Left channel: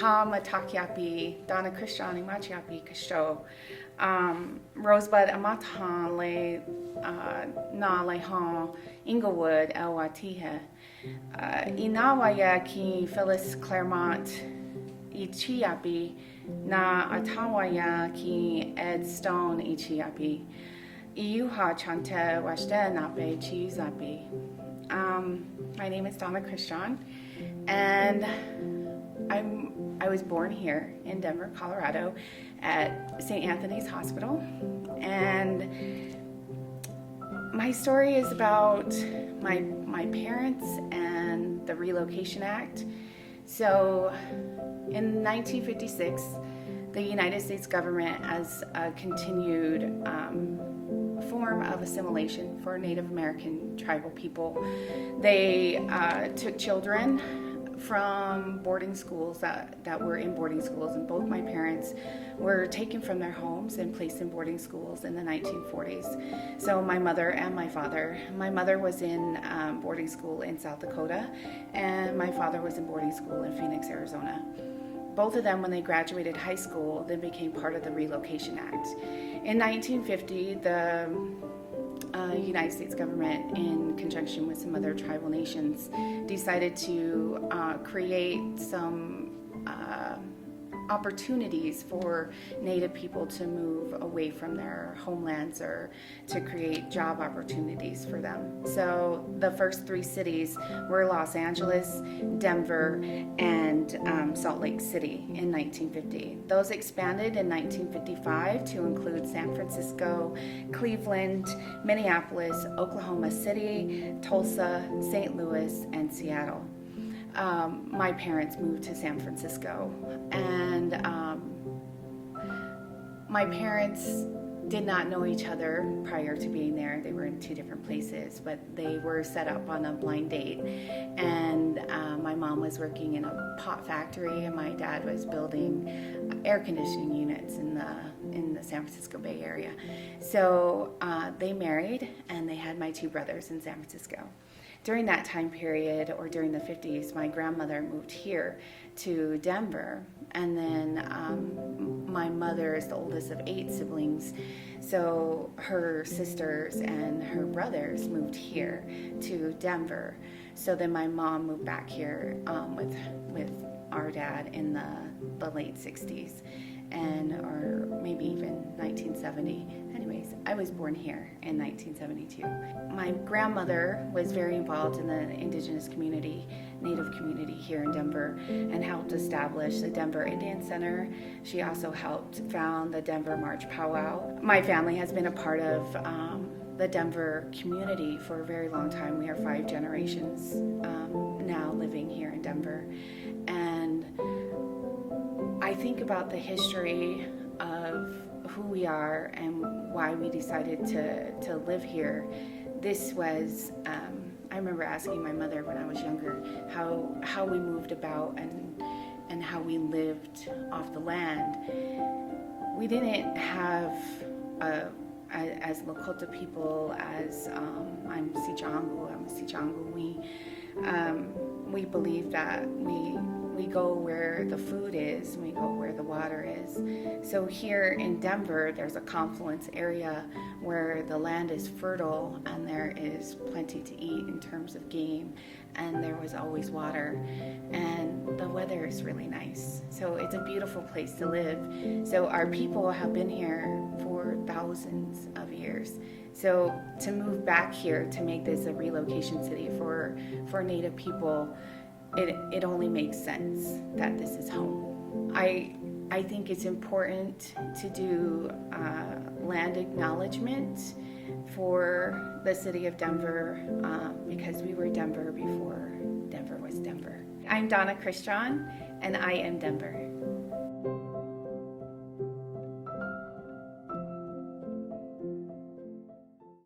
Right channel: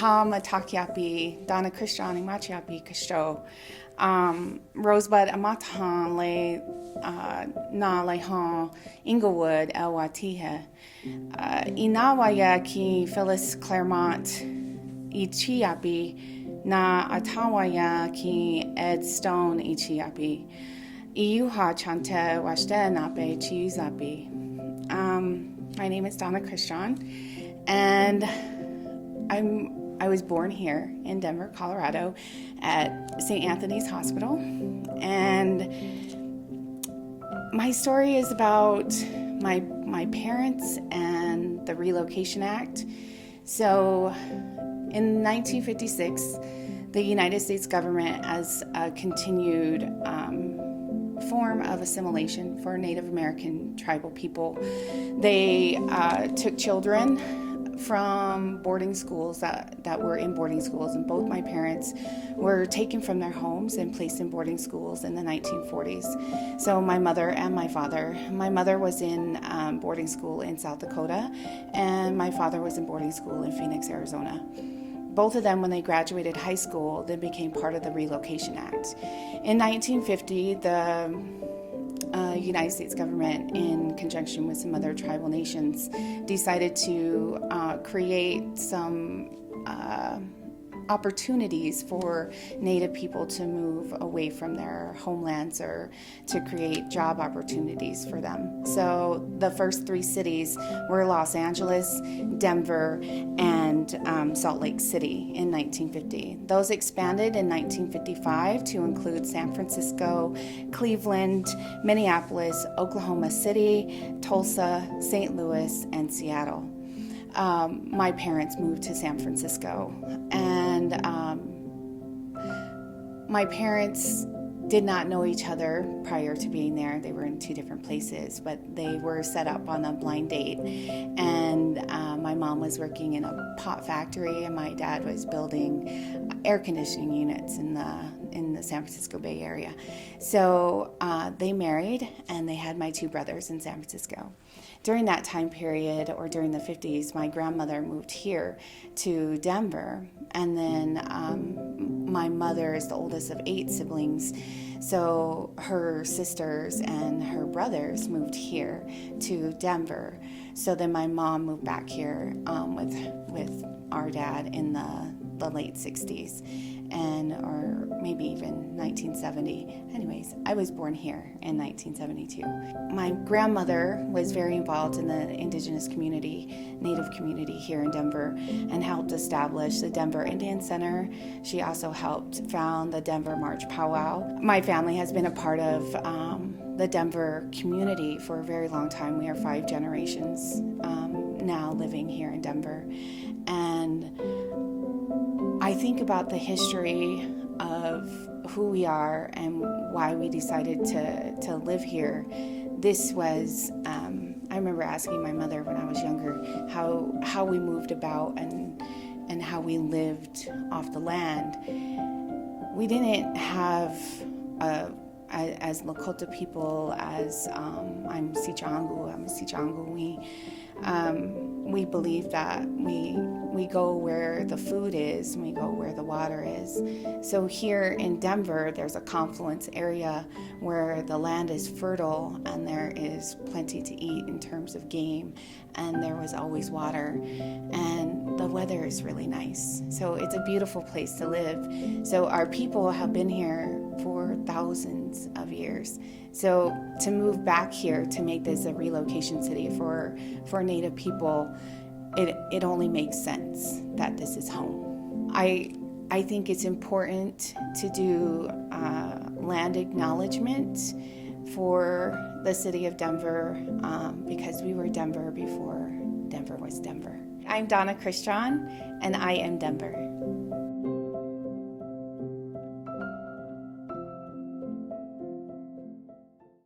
Ha matakiapi, Donna Christian machiapi kishto. Rosebud amatahan le na le han Inglewood elwatihe. Inawaya ki Phyllis Claremont ichiapi na atawaya ki Ed Stone ichiapi. Iuha chante washte nape chiuzapi. My name is Donna Christian, and I was born here in Denver, Colorado, at St. Anthony's Hospital, and my story is about my parents and the Relocation Act. So, in 1956, the United States government, as a continued form of assimilation for Native American tribal people, they took children from boarding schools that were in boarding schools, and both my parents were taken from their homes and placed in boarding schools in the 1940s. So my mother and my father. My mother was in boarding school in South Dakota, and my father was in boarding school in Phoenix, Arizona. Both of them, when they graduated high school, then became part of the Relocation Act. In 1950, the United States government, in conjunction with some other tribal nations, decided to create some opportunities for Native people to move away from their homelands, or to create job opportunities for them. So the first three cities were Los Angeles, Denver, and Salt Lake City in 1950. Those expanded in 1955 to include San Francisco, Cleveland, Minneapolis, Oklahoma City, Tulsa, St. Louis, and Seattle. My parents moved to San Francisco, and my parents did not know each other prior to being there. They were in two different places, but they were set up on a blind date, and my mom was working in a pot factory, and my dad was building air conditioning units in the San Francisco Bay Area. So they married, and they had my two brothers in San Francisco. During that time period, or during the 50s, my grandmother moved here to Denver, and then my mother is the oldest of 8 siblings, so her sisters and her brothers moved here to Denver. So then my mom moved back here with our dad in the late 60s, or maybe even 1970. Anyways, I was born here in 1972. My grandmother was very involved in the indigenous community, Native community here in Denver, and helped establish the Denver Indian Center. She also helped found the Denver March Powwow. My family has been a part of the Denver community for a very long time. We are 5 generations now living here in Denver. And I think about the history of who we are and why we decided to live here. This was, I remember asking my mother when I was younger how we moved about and how we lived off the land. We didn't have, as Lakota people, as I'm a Sicangu, we believe that we go where the food is, and we go where the water is. So here in Denver, there's a confluence area where the land is fertile and there is plenty to eat in terms of game, and there was always water, and the weather is really nice. So it's a beautiful place to live. So our people have been here for thousands of years. So to move back here, to make this a relocation city for Native people, it only makes sense that this is home. I think it's important to do land acknowledgement for the city of Denver, because we were Denver before Denver was Denver. I'm Donna Christian, and I am Denver.